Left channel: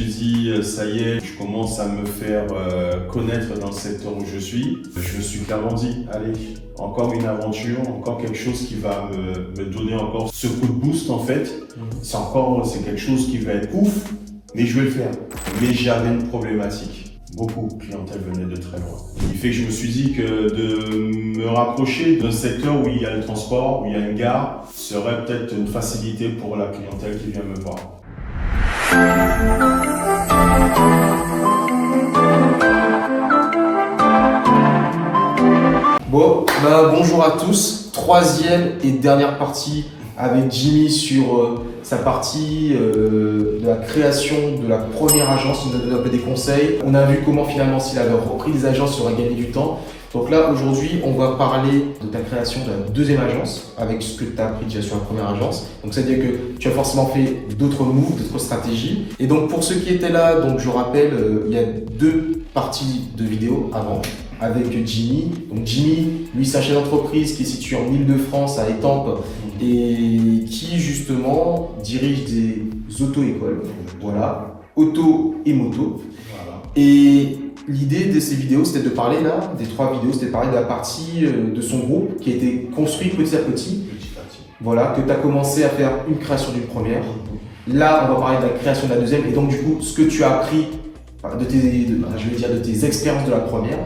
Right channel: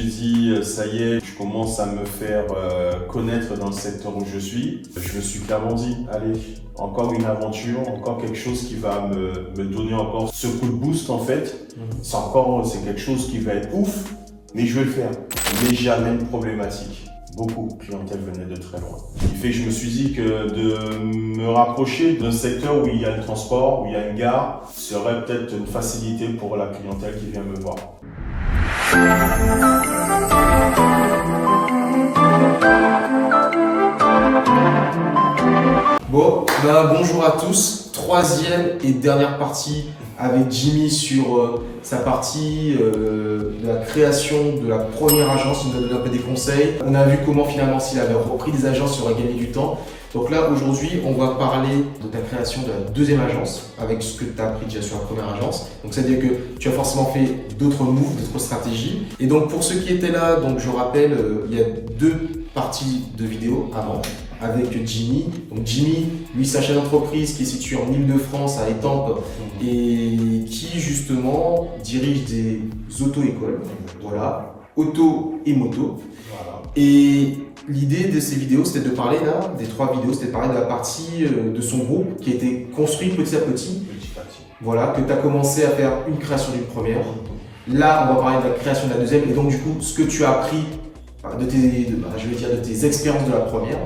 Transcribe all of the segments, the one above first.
suis dit, ça y est, je commence à me faire connaître dans le secteur où je suis. Je me suis clairement dit, allez, encore une aventure, encore quelque chose qui va me donner encore ce coup de boost en fait. C'est quelque chose qui va être ouf, mais je vais le faire. Mais j'avais une problématique. Beaucoup de clientèle venait de très loin. Ce qui fait que je me suis dit que de me rapprocher d'un secteur où il y a le transport, où il y a une gare, serait peut-être une facilité pour la clientèle qui vient me voir. Bon, bonjour à tous. Troisième et dernière partie avec Jimmy sur sa partie de la création de la première agence. Il nous a donné un peu des conseils. On a vu comment finalement s'il avait repris des agences, il aurait gagné du temps. Donc là, aujourd'hui, on va parler de ta création de la deuxième agence avec ce que tu as appris déjà sur la première agence. Donc, c'est-à-dire que tu as forcément fait d'autres moves, d'autres stratégies. Et donc, pour ceux qui étaient là, donc je rappelle, il y a deux parties de vidéo avant avec Jimmy. Donc, Jimmy, lui, c'est un chef d'entreprise qui est situé en Île-de-France, à Étampes, et qui, justement, dirige des auto-écoles. Voilà, auto et moto. Voilà. Et l'idée de ces vidéos, c'était de parler là, des trois vidéos, c'était de parler de la partie de son groupe qui a été construit petit à petit. Voilà, que tu as commencé à faire une création d'une première. Là, on va parler de la création de la deuxième. Et donc, du coup, ce que tu as appris de tes expériences de la première.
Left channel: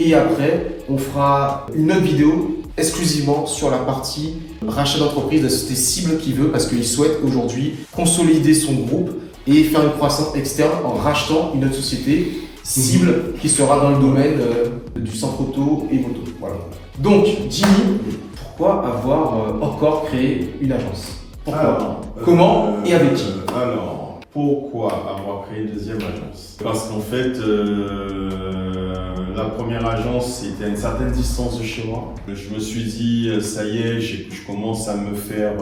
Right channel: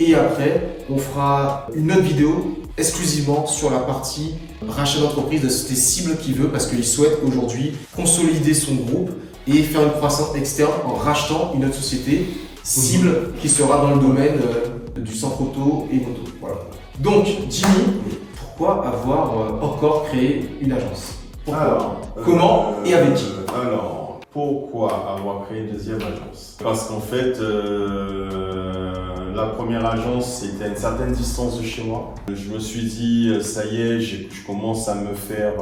Et après, on fera une autre vidéo exclusivement sur la partie rachat d'entreprise de tes cibles qu'il veut parce qu'il souhaite aujourd'hui consolider son groupe et faire une croissance externe en rachetant une autre société cible qui sera dans le domaine du centre auto et moto. Voilà. Donc, Jimmy, pourquoi avoir encore créé une agence? Pourquoi? Comment et avec qui? Alors, pourquoi avoir créé une deuxième agence? Parce qu'en fait, la première agence, c'était à une certaine distance de chez moi. Je me suis dit, ça y est, je commence à me faire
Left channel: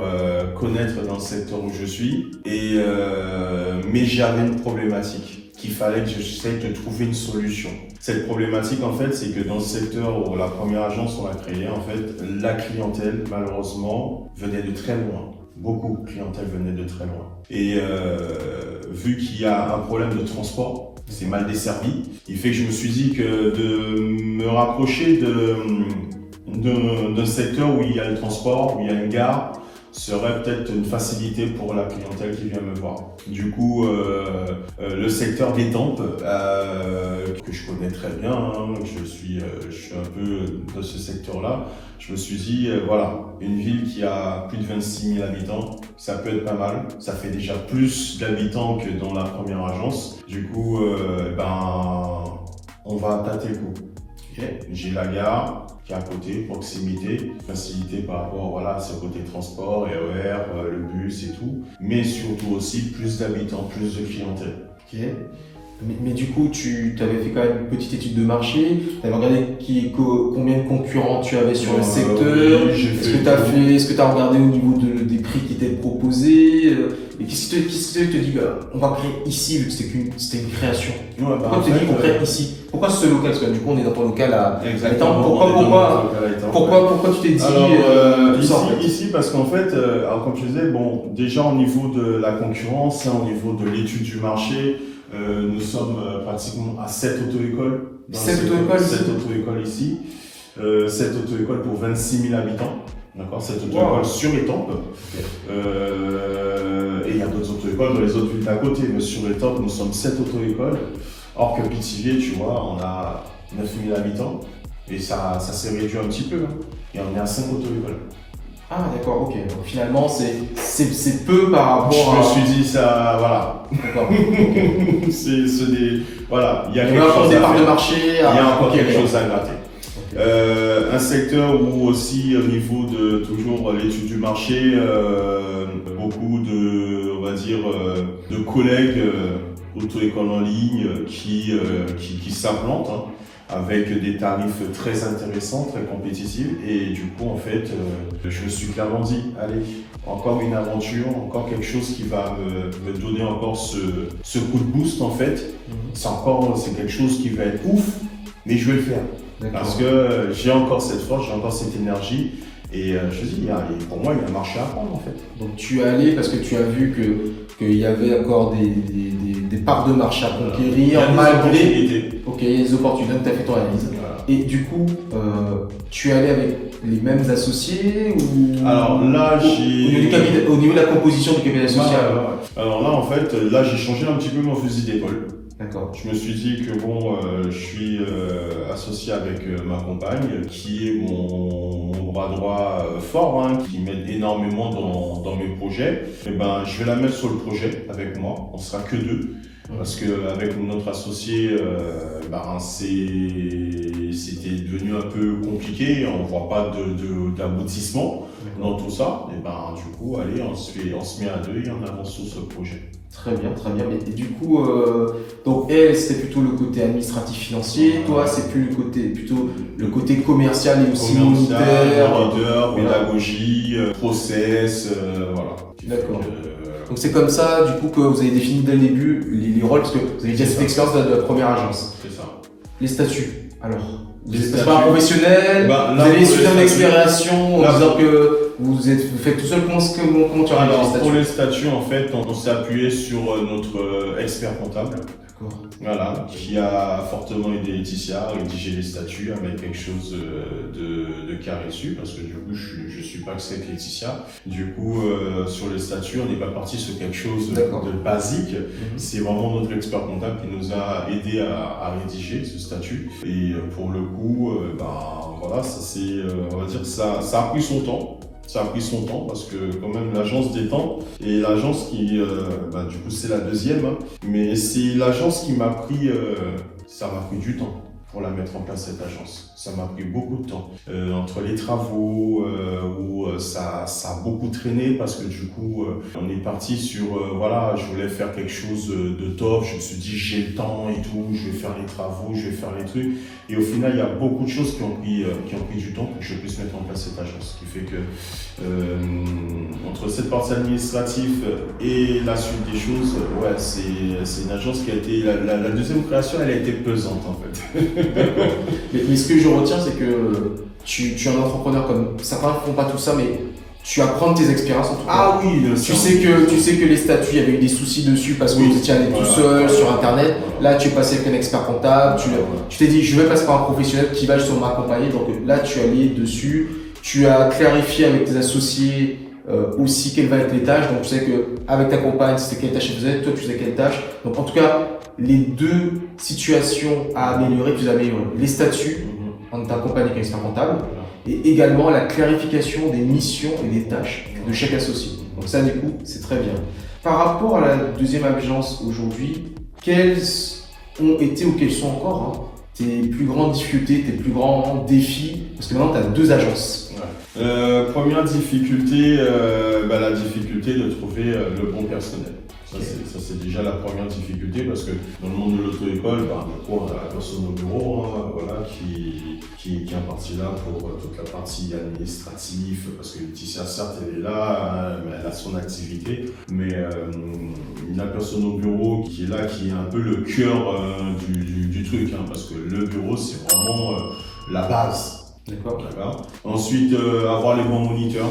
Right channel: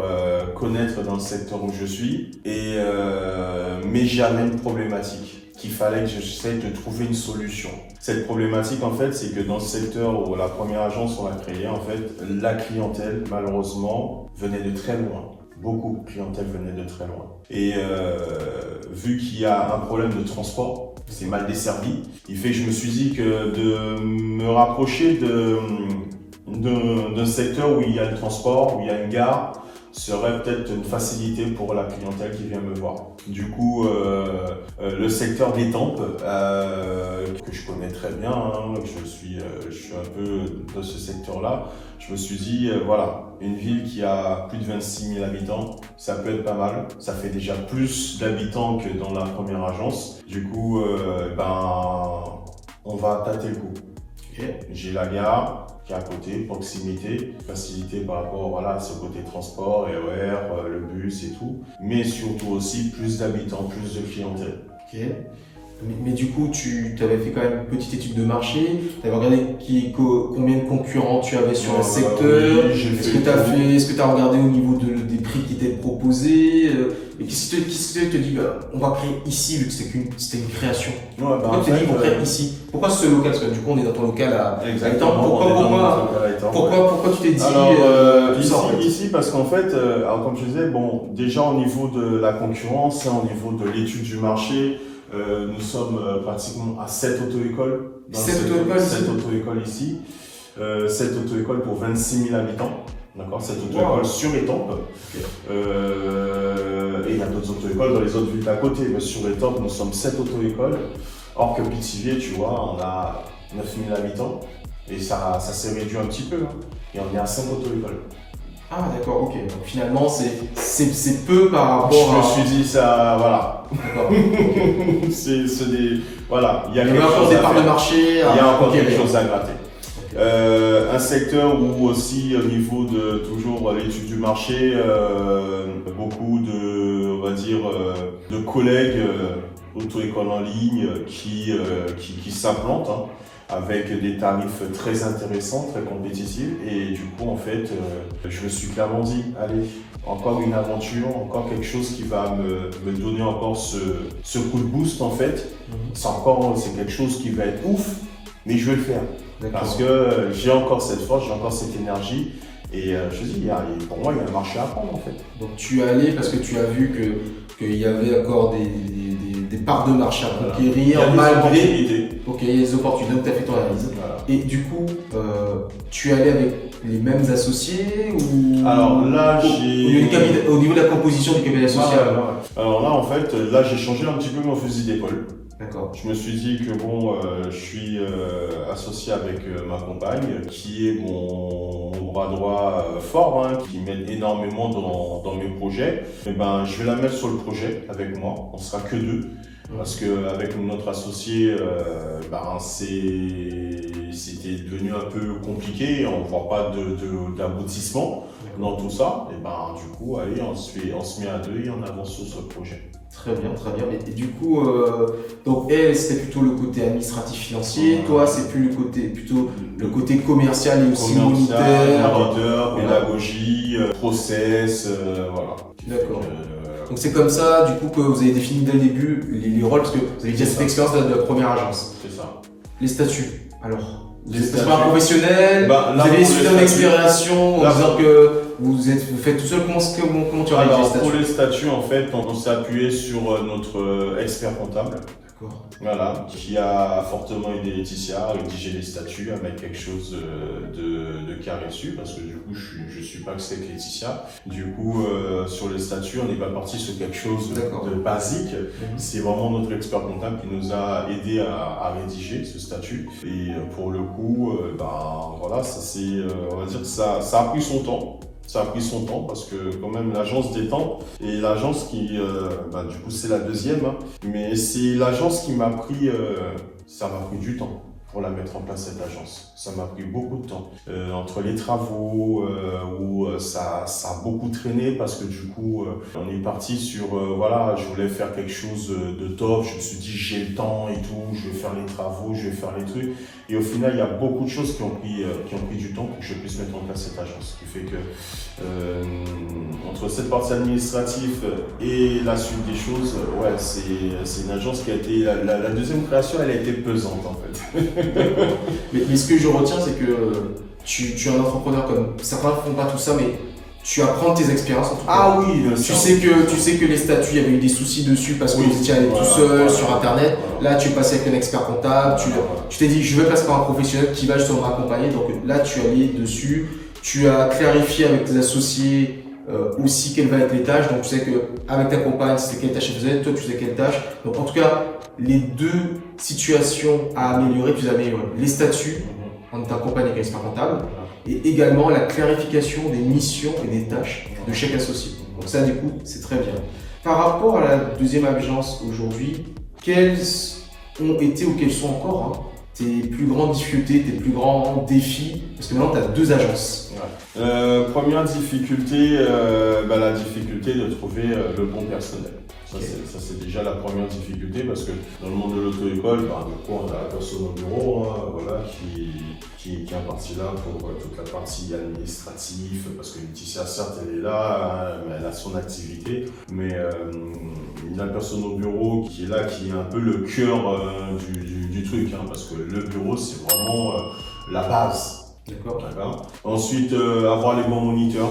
connaître dans le secteur où je suis. Mais j'avais une problématique qu'il fallait que j'essaie de trouver une solution. Cette problématique, en fait, c'est que dans le secteur où la première agence on a créée, en fait, la clientèle, malheureusement, venait de très loin. Beaucoup de clientèle venait de très loin. Et vu qu'il y a un problème de transport, c'est mal desservi, il fait que je me suis dit que de me rapprocher d'un secteur où il y a le transport, où il y a une gare, serait peut-être une facilité pour la clientèle qui vient me voir. Du coup, le secteur d'Étampes, que je connais très bien, hein, je suis un peu dans ce secteur-là, je me suis dit, voilà, une ville qui a plus de 26 000 habitants, ça peut être pas mal. Ça fait déjà plus d'habitants que dans la première agence. Du coup, on va tâter le coup. Okay. J'ai la gare qui est à côté, proximité, facilité par rapport à ce côté transport, RER, le bus et tout. Mais surtout aussi plus d'habitants, plus de clientèle. Okay. Mais du coup, tu avais fait quand même une petite étude de marché, tu avais regardé combien de concurrents tu avais sur le secteur, est-ce que tu as regardé au niveau des prix qui étaient proposés, et qu'est-ce qui te dit, on va créer ici, vu que c'était une création. Pourquoi tu t'es dit qu'on crée ici? Pourquoi ce local? Parce que du coup, on est dans ton local à Étampes. Pourquoi tu t'es dit tout ça en fait? Ici, parce qu'en fait, comme je disais, bon, déjà au niveau de la concurrence, au niveau de l'étude du marché, nous sommes pratiquement à 7 auto-écoles. 7 auto-écoles ici. 7 auto-écoles pour 26 000 habitants. D'accord, 7 auto-écoles sur Étampes. Et il y a d'autres auto-écoles dans les autres villes d'à côté. Mais sur Étampes, nous sommes 7 auto-écoles. Or que Pithiviers, tu vois, on a 9 000 habitants. Et ça s'est réduit un petit peu. Hein. Et on est à 5 auto-écoles. Ah d'accord, ok. Donc finalement, c'est peu par rapport à... Je me suis dit ça, voilà. D'accord. Okay. Voilà, il y a des parts de marché. Il y a encore quelque chose à gratter. Okay. Un secteur où aussi au niveau de toujours l'étude du marché, beaucoup de collègues auto-écoles en ligne qui s'implantent. Hein, avec des tarifs très intéressants, très compétitifs. Et du coup, en fait, je me suis clairement dit, allez, encore une aventure, encore quelque chose qui va me donner encore ce coup de boost, en fait. C'est quelque chose qui va être ouf, mais je vais le faire. Parce que j'ai encore cette force, j'ai encore cette énergie. Et je dis, pour moi, il y a un marché à prendre en fait. Donc tu es allé parce que tu as vu qu'il y avait encore des parts de marché à Il y a conquérir, des mal opportunités. Ok, il y a des opportunités, donc tu as fait ton analyse. Voilà. Et du coup, tu es allé avec les mêmes associés ou Alors là, au niveau de la composition du capital social? Alors là, en fait, là, j'ai changé un petit peu mon fusil d'épaule. D'accord. Je me suis dit que bon, je suis associé avec ma compagne, qui est mon bras droit fort, hein, qui m'aide énormément dans mes projets. Et ben, je vais la mettre sur le projet avec moi. On sera que deux. Parce qu'avec notre associé, c'était devenu un peu compliqué, on ne voit pas d'aboutissement dans tout ça. Et ben, du coup, allez, on se met à deux et on avance sur ce projet. Très bien, très bien. Et du coup, donc elle, c'était plutôt le côté administratif financier, toi, c'est plutôt le côté commercial et aussi monitaire, pédagogie, process, voilà. D'accord. Donc c'est comme ça, du coup, que vous avez défini dès le début les rôles, parce que vous avez déjà cette expérience de la première agence. C'est ça. Les statuts, alors, vous êtes pas un professionnel, vous là, avez suivi une expérience en disant que vous faites tout seul, comment tu as rédigé les statuts? Pour les statuts, en fait, on s'est appuyé sur notre expert comptable. Voilà, qui a fortement aidé Laetitia à rédiger les statuts, à mettre quelque chose de carré dessus, parce que du coup, je suis pas que c'est avec Laetitia. Du coup, sur les statuts, on n'est pas parti sur quelque chose de basique. C'est vraiment notre expert comptable qui nous a aidé à rédiger ce statut. Et pour le coup, voilà, on va dire que ça a pris son temps. Ça a pris son temps parce que quand même l'agence des temps et l'agence qui, du coup c'est la deuxième, hein, mais c'est l'agence qui m'a pris, ça m'a pris du temps pour la mettre en place cette agence. Ça m'a pris beaucoup de temps. Entre les travaux, où ça a beaucoup traîné parce que du coup, on est parti sur, voilà, je voulais faire quelque chose de top. Je me suis dit, j'ai le temps et tout, je vais faire les travaux, je vais faire les trucs. Et au final, il y a beaucoup de choses qui ont pris du temps pour que je puisse mettre en place cette agence. Ce qui fait que, entre cette partie administrative et la suite des choses, ouais, c'est une agence qui a été, la deuxième création, elle a été pesante en fait. mais ce que je retiens, c'est que tu es un entrepreneur comme certains ne font pas tout ça, mais tu apprends de tes expériences en tout cas. Ah oui, tu sais que les statuts, il y avait eu des soucis dessus parce que vous étiez allé tout seul sur internet. Là, tu es passé avec un expert comptable. Tu t'es dit, je vais passer par un professionnel qui va justement m'accompagner. Donc là, tu es allé dessus. Tu as clarifié avec tes associés aussi quelles vont être les tâches. Donc tu sais que avec ta compagne, c'était quelle tâche elle faisait, toi tu faisais quelle tâche. Donc en tout cas, les deux situations à améliorer, tu les as améliorées. Les statuts, en t'accompagnant avec un expert comptable, et également la clarification des missions et des tâches de chaque associé. Donc ça, du coup, c'est très bien. Par rapport à la deuxième agence aujourd'hui, quelles ont été ou quelles sont encore tes plus grandes difficultés, tes plus grands défis? Parce que maintenant, tu as deux agences. Première difficulté, la difficulté de trouver le bon personnel. Ça, c'est déjà la première difficulté parce que dans le monde de l'auto-école, du coup, on a la personne au bureau voilà, qui est partie là pour toute la partie administrative parce que Laetitia, certes, elle est là, elle a son activité, mais la personne au bureau qui est là, qui est un peu le cœur du truc, parce que le bureau, c'est vraiment la base. D'accord. Ensuite, avoir les bons moniteurs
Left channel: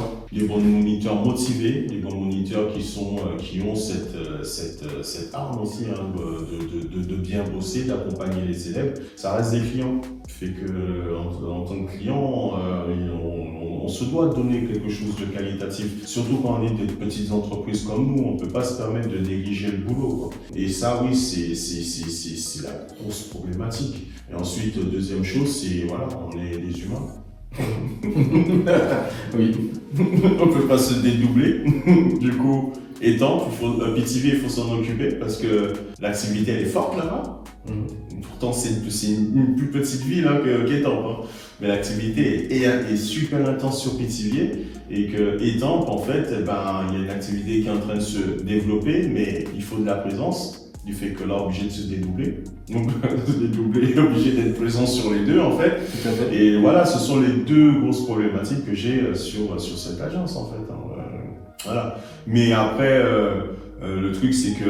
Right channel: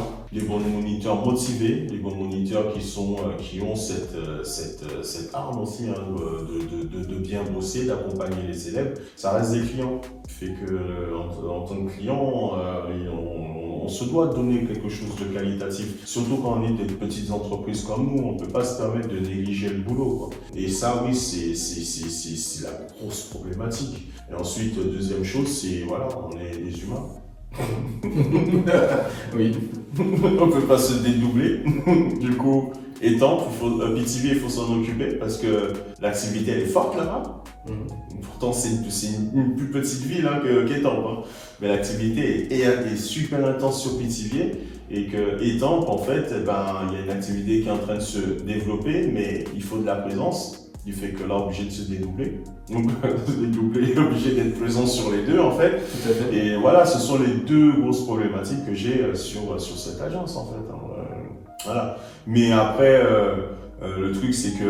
motivés, les bons moniteurs qui ont cette arme aussi de bien bosser, d'accompagner les élèves. Ça reste des clients. Fait que en tant que client, on se doit de donner quelque chose de qualitatif. Surtout quand on est des petites entreprises comme nous, on ne peut pas se permettre de négliger le boulot, quoi. Et ça, oui, c'est la grosse problématique. Et ensuite, deuxième chose, c'est voilà, on est des humains. Oui. On ne peut pas se dédoubler. Du coup, étant, PTV, il faut s'en occuper parce que l'activité elle est forte là-bas. Pourtant, c'est une plus petite ville qu'Étampes. Mais l'activité est super intense sur Pithiviers et que Étampes, en fait, il y a une activité qui est en train de se développer, mais il faut de la présence. Du fait que là, obligé de se dédoubler. Donc, se dédoubler, obligé d'être présent sur les deux, en fait. Tout à fait. Et voilà, ce sont les deux grosses problématiques que j'ai sur cette agence, en fait. Voilà. Mais après, Le truc, c'est que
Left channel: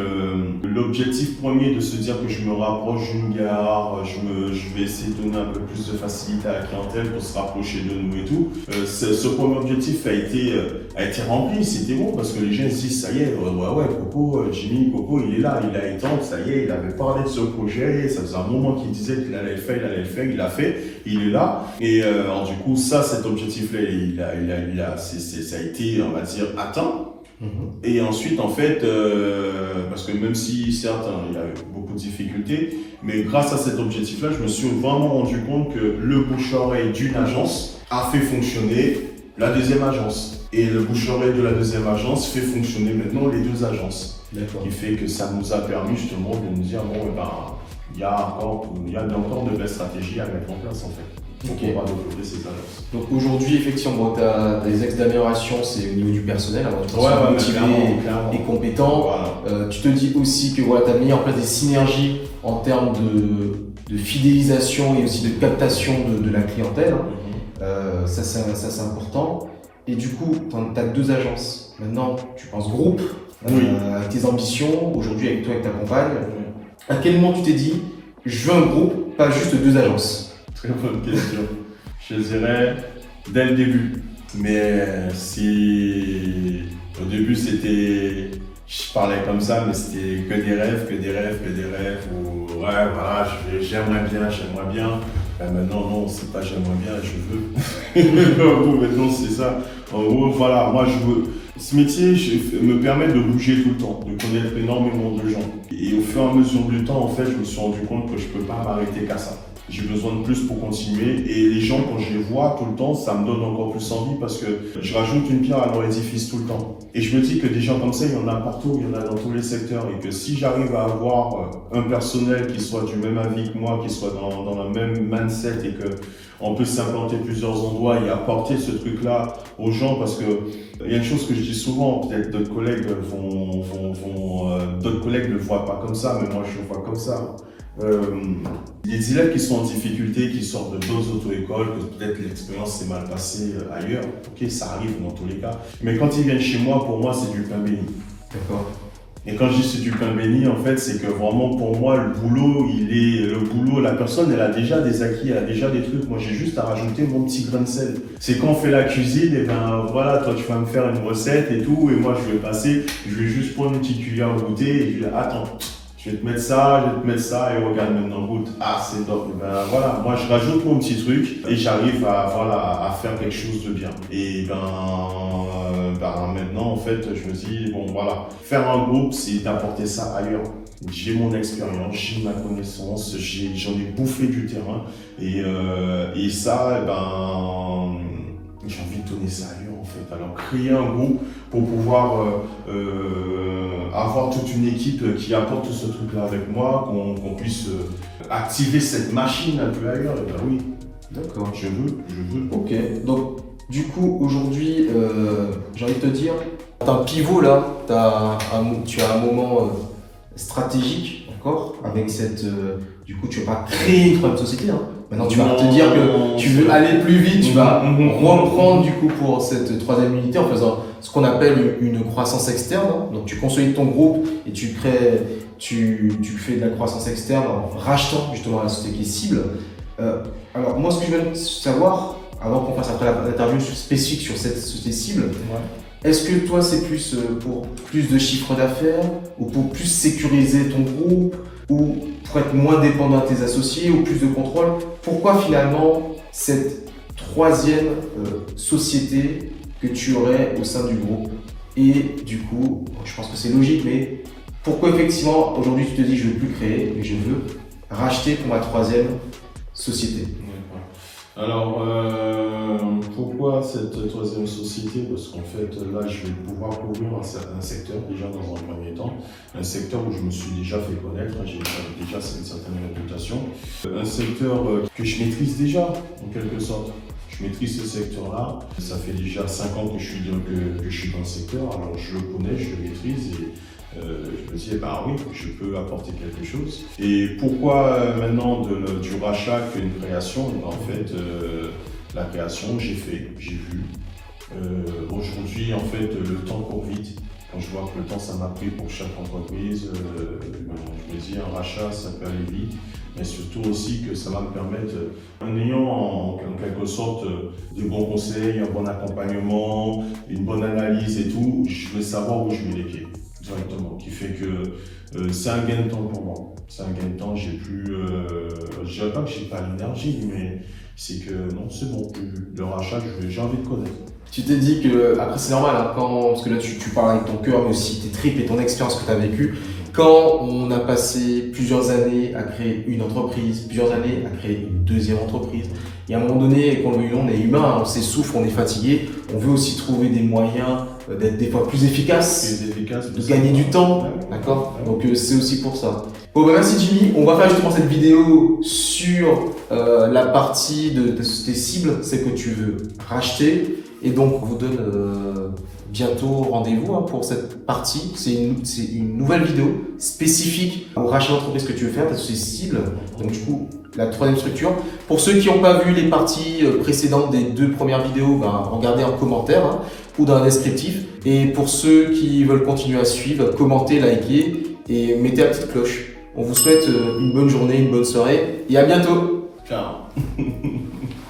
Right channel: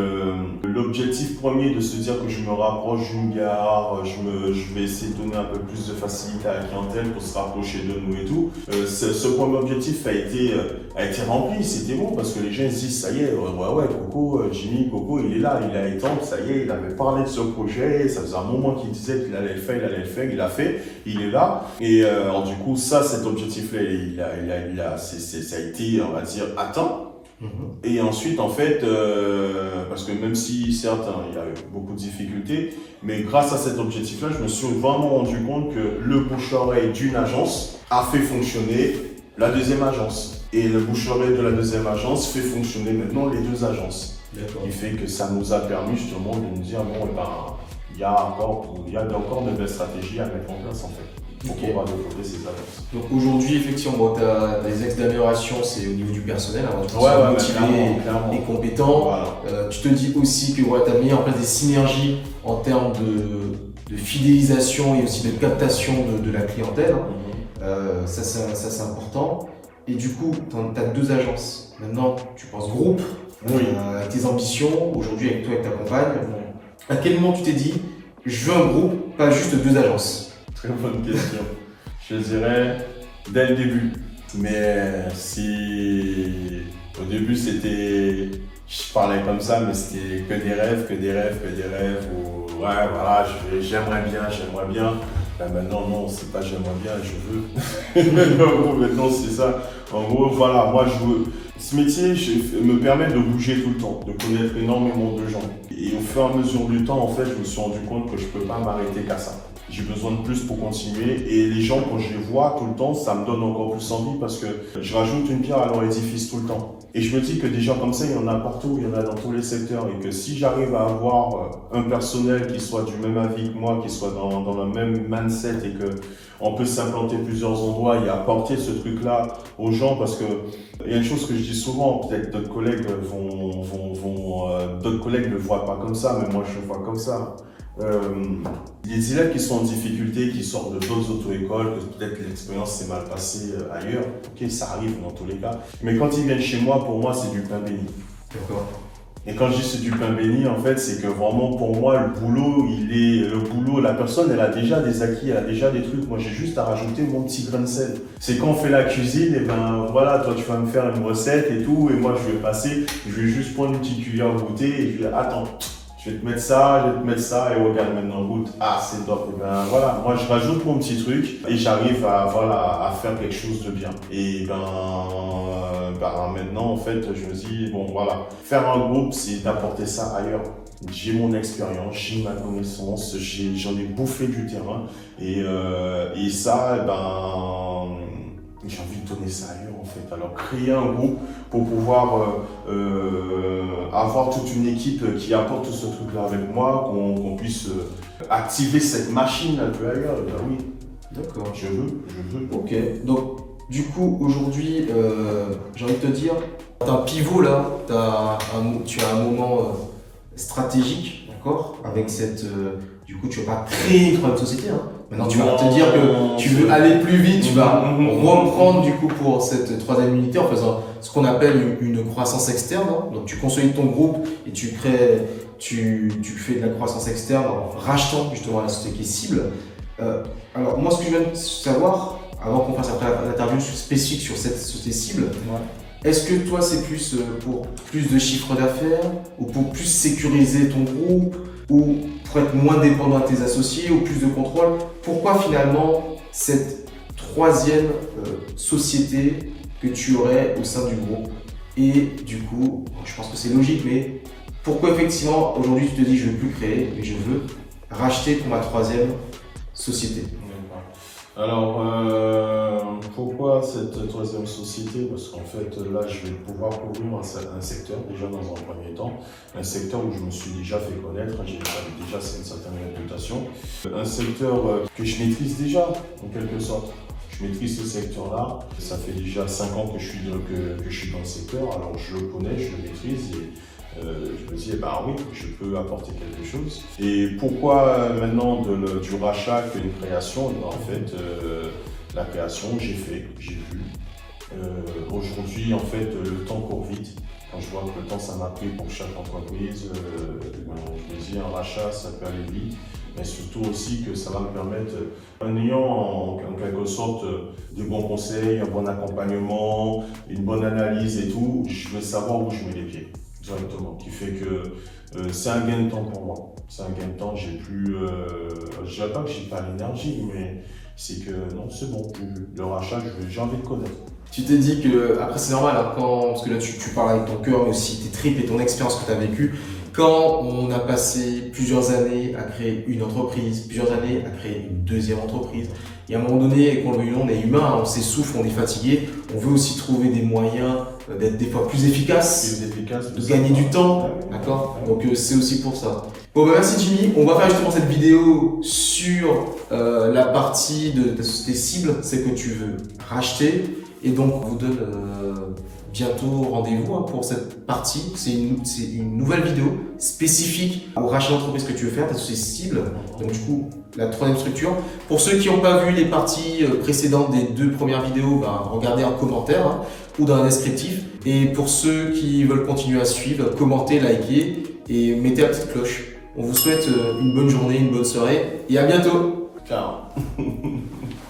l'objectif premier de se dire que je me rapproche d'une gare, je vais essayer de donner un peu plus de facilité à la clientèle pour se rapprocher de nous et tout. Ce premier objectif a été rempli, c'était bon parce que les gens se disent ça y est, ouais, Coco, Jimmy, Coco, il est là, il a éteint, ça y est, il avait parlé de ce projet, ça faisait un moment qu'il disait qu'il allait le faire, il l'a fait, il est là. Et alors, du coup, cet objectif-là, ça a été, on va dire, atteint. Et ensuite, en fait, parce que même si, certes, il y a eu beaucoup de difficultés, mais grâce à cet objectif-là, je me suis vraiment rendu compte que le bouche-oreille d'une agence a fait fonctionner la deuxième agence. Et le bouche-oreille de la deuxième agence fait fonctionner maintenant les deux agences. D'accord. Ce qui fait que ça nous a permis justement de nous dire, bon, il y a encore de belles stratégies à mettre en place, en fait. Pour pouvoir développer ces agences. Donc aujourd'hui, effectivement, tu as des axes d'amélioration, c'est au niveau du personnel, avant tu motivé et compétent. Voilà. Tu te dis aussi que voilà, tu as mis en place des synergies en termes de fidélisation et aussi de captation de la clientèle. Ça, c'est important. Et du coup, tu as deux agences. Maintenant, tu penses groupe, avec tes ambitions, aujourd'hui avec toi et ta compagne. À quel moment tu t'es dit, je veux un groupe, pas juste deux agences? Très bonne question. Je dirais dès le début. Mais si au début je parlais comme ça, mais c'était que des rêves. Ou ouais, voilà, j'aimerais bien. Ben maintenant, non, c'est pas j'aimerais bien, je veux. Maintenant, c'est ça. En gros, voilà, moi je veux. Ce métier me permet de bouger tout le temps, de connaître énormément de gens. Et au fur et à mesure du temps, en fait, je me suis rendu compte que je peux pas m'arrêter qu'à ça. J'ai besoin de plus pour continuer et les gens, quand je les vois tout le temps, ça me donne encore plus envie parce que je rajoute une pierre à leur édifice tout le temps. Et je me dis que des gens comme ça, il y en a partout, il y en a dans tous les secteurs et que si j'arrive à avoir un personnel qui soit du même avis que moi, qui soit dans le même mindset et qu'on peut s'implanter plusieurs endroits et apporter ce truc-là aux gens parce que il y a une chose que je dis souvent, peut-être d'autres collègues d'autres collègues ne le voient pas comme ça, mais moi je le vois comme ça. Les élèves qui sont en difficulté, qui sortent de d'autres auto-écoles, que peut-être l'expérience s'est mal passée ailleurs, ok, ça arrive dans tous les cas. Mais quand ils viennent chez moi, pour moi, c'est du pain béni. D'accord. Et quand je dis c'est du pain béni, en fait, c'est que vraiment pour moi, le boulot, la personne, elle a déjà des acquis, elle a déjà des trucs. Moi, j'ai juste à rajouter mon petit grain de sel. C'est quand on fait la cuisine, et ben voilà, toi, tu vas me faire une recette et tout, et moi, je vais juste prendre une petite cuillère de goûter et je vais attends. Je vais te mettre ça, et regarde maintenant, goûte. Ah, c'est top. Et ben voilà, moi je rajoute mon petit truc et j'arrive à faire quelque chose de bien. Et maintenant, en fait, je me dis, bon voilà, faire un groupe, c'est d'apporter ça ailleurs. J'ai mon expérience, j'ai ma connaissance, j'en ai bouffé du terrain. Et ça, j'ai envie de donner ça ailleurs en fait. Alors créer un groupe pour pouvoir avoir toute une équipe qui apporte tout ce truc-là avec moi, qu'on puisse activer cette machine un peu ailleurs. Et ben oui, d'accord, je veux. Ok, donc du coup aujourd'hui, j'ai envie de te dire, t'as un pivot là, tu as un moment stratégique encore avec cette... du coup, tu ne vas pas créer une troisième société. Maintenant, tu vas te dire que tu veux aller plus vite, tu vas reprendre du coup pour cette troisième unité en faisant ce qu'on appelle une croissance externe. Donc, tu consolides ton groupe et tu fais de la croissance externe en rachetant justement la société qui est cible. Alors, moi, ce que je veux savoir, avant qu'on fasse après l'interview spécifique sur cette société cible, est-ce que toi, c'est plus pour plus de chiffre d'affaires ou pour plus sécuriser ton groupe ou pour être moins dépendant de tes associés ou plus de contrôle? Pourquoi finalement cette troisième société que tu aurais au sein du groupe? Et du coup, je pense que c'est logique, mais pourquoi effectivement aujourd'hui tu te dis je ne veux plus créer, mais je veux racheter pour ma troisième société? Alors, pourquoi cette troisième société? Parce qu'en fait, là, je vais pouvoir couvrir un secteur, déjà dans un premier temps, un secteur où je me suis déjà fait connaître, j'ai déjà une certaine réputation, un secteur que je maîtrise déjà, en quelque sorte. Je maîtrise ce secteur-là, ça fait déjà 5 ans que je suis dans le secteur, alors je le connais, je le maîtrise et je me dis, oui, je peux apporter quelque chose. Et pourquoi maintenant du rachat qu'une création? En fait, la création, j'ai vu. Aujourd'hui, en fait, le temps court vite. Quand je vois que le temps ça m'a pris pour chaque entreprise, je me dis un rachat ça peut aller vite, mais surtout aussi que ça va me permettre, en ayant en quelque sorte de bons conseils, un bon accompagnement, une bonne analyse et tout, je veux savoir où je mets les pieds directement, qui fait que c'est un gain de temps pour moi. C'est un gain de temps, j'ai plus, je dirais pas que j'ai pas l'énergie, mais c'est que non, c'est bon, le rachat, j'ai envie de connaître. Tu t'es dit que, après c'est normal, hein, parce que là tu parles avec ton cœur, mais aussi tes tripes et ton expérience que tu as vécue. Quand on a passé plusieurs années à créer une entreprise, plusieurs années à créer une deuxième entreprise, et à un moment donné, qu'on le veuille ou non, on est humain, on s'essouffle, on est fatigué, on veut aussi trouver des moyens d'être des fois plus efficaces, de gagner du temps, d'accord? Donc c'est aussi pour ça. Bon bah merci Jimmy, on va faire justement cette vidéo sur la partie de tes cibles, c'est que tu veux racheter. Et donc, on vous donne bientôt rendez-vous pour cette partie. C'est une nouvelle vidéo spécifique au rachat d'entreprise que tu veux faire, parce que c'est cible. Donc, du coup, la troisième structure. Pour ceux qui n'ont pas vu les parties précédentes des 2 premières vidéos, regardez en commentaire ou dans le descriptif. Et pour ceux qui veulent continuer à suivre, commentez, likez et mettez la petite cloche. On vous souhaite une bonne journée, une bonne soirée et à bientôt. Ciao.